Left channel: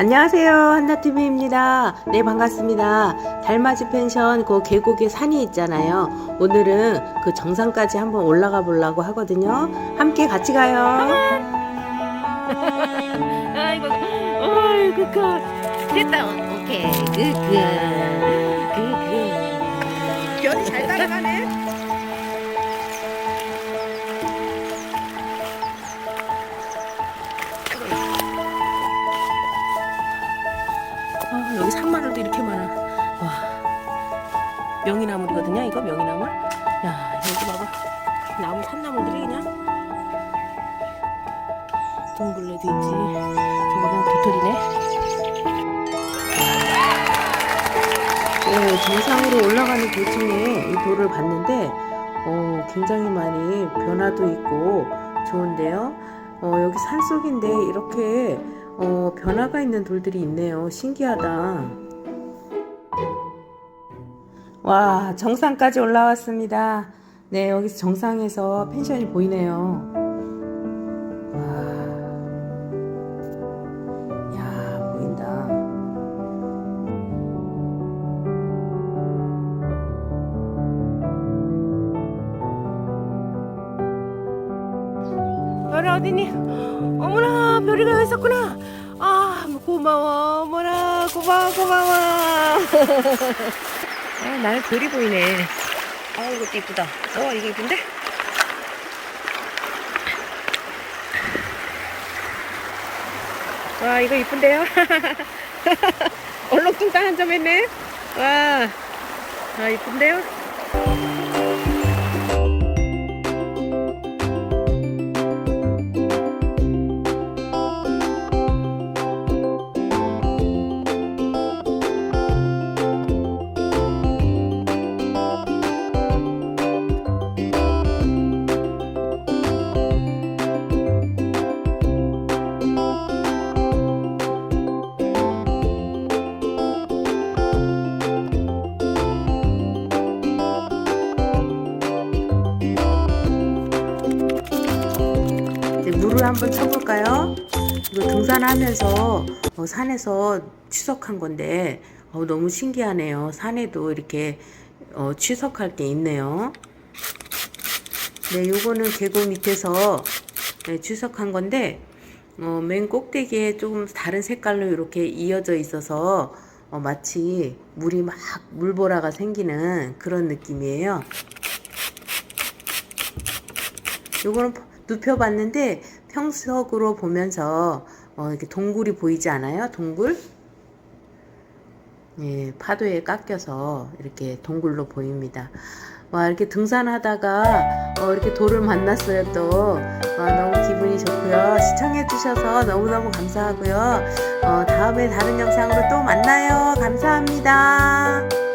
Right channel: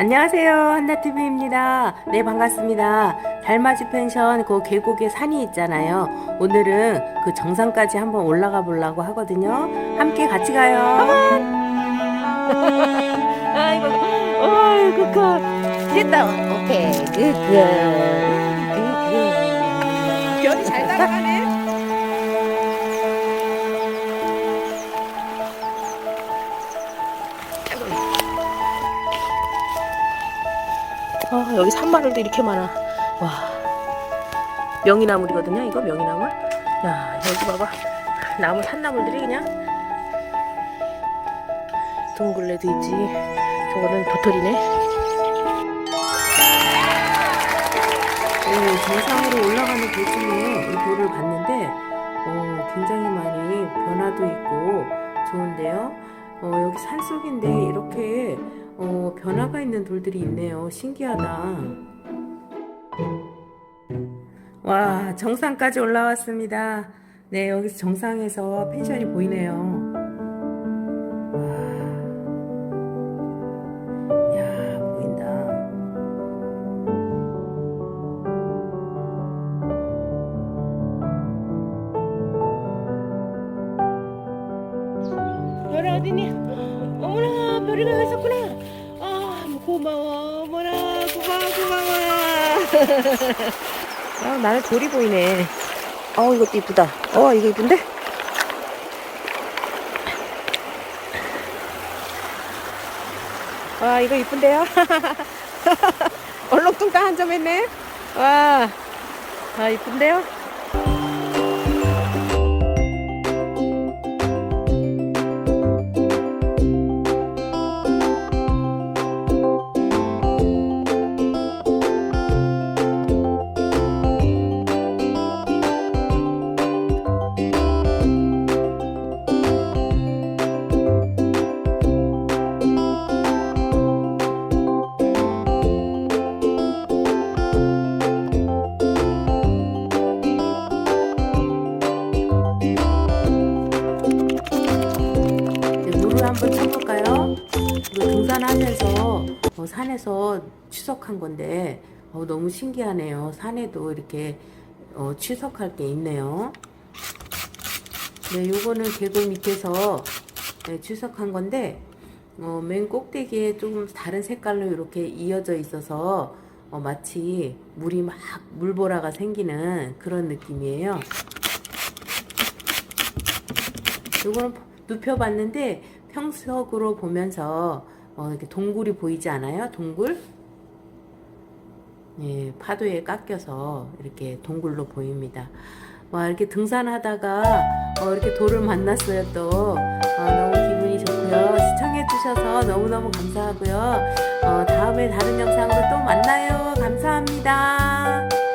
안녕하세요. 한나TV입니다. 네, 반갑습니다. 달맞이 펜션 그 계곡에 산이 있잖아요. 오늘은 그 정상까지 한번 올라가 보려고 하거든요. 함께 같이 가요. 아이고, 아이고, 그, 됐다. 오케이. 그, 그, 그, 그. 별이 잘 따라가네. 아, 여기 산마늘도 이렇게 많아. 와. 명이나물이거든요. 이거 명이나물. 야, 여기 봐봐. 나무 산나물들이 그냥 둥글레도 있지. 저거는 도토리네. 오, 정상으로 올라가는 도중에 이 돌을 봤는데, 어, 굉장히 많이 변화도 있고 좋은데요. 어, 여기 산속인데 이렇게 어, 변화가 있는 돌들이 있네요. 신기하다. 와, 정상까지 올라왔습니다. 네, 여기서 정상에서 펜션이 보이네요. 와, 야, 보인다. 별이 어디니? 어머나, 별이가 여기 있었구나. 아, 고마워. 어머나, 고마워, 고마워. 아, 나는 돌이 보이네. 어, 이것도 이쁘다. 어, 이거 이쁜데? 와, 이거 이쁜데요? 얼렁뚱땅 한 점 했네. 와, 아, 이쁜데요? 한번 쳐볼까요? 이거 등산하면서 어, 산에서 추석한 건데 어, 너무 신기하네요. 산에도 이렇게 어, 추석할 게 있네요. 네, 요거는 계곡 밑에서 네, 추석한 건데 어, 맨 꼭대기에 조금 다른 색깔로 이렇게 이어져 있어서 어, 마치 물이 막 물보라가 생기는 그런 느낌이에요. 요거는 눕혀봤는데 평석으로 보면서 어, 이렇게 동굴이 보이지 않아요? 동굴? 예, 파도에 깎여서 이렇게 동굴로 보입니다. 와, 이렇게 등산하다가 어, 이렇게 돌을 만났어요 또. 어, 너무 기분이 좋고요. 시청해주셔서 너무너무 감사하고요. 어, 다음에 다른 영상으로 또 만나요. 감사합니다.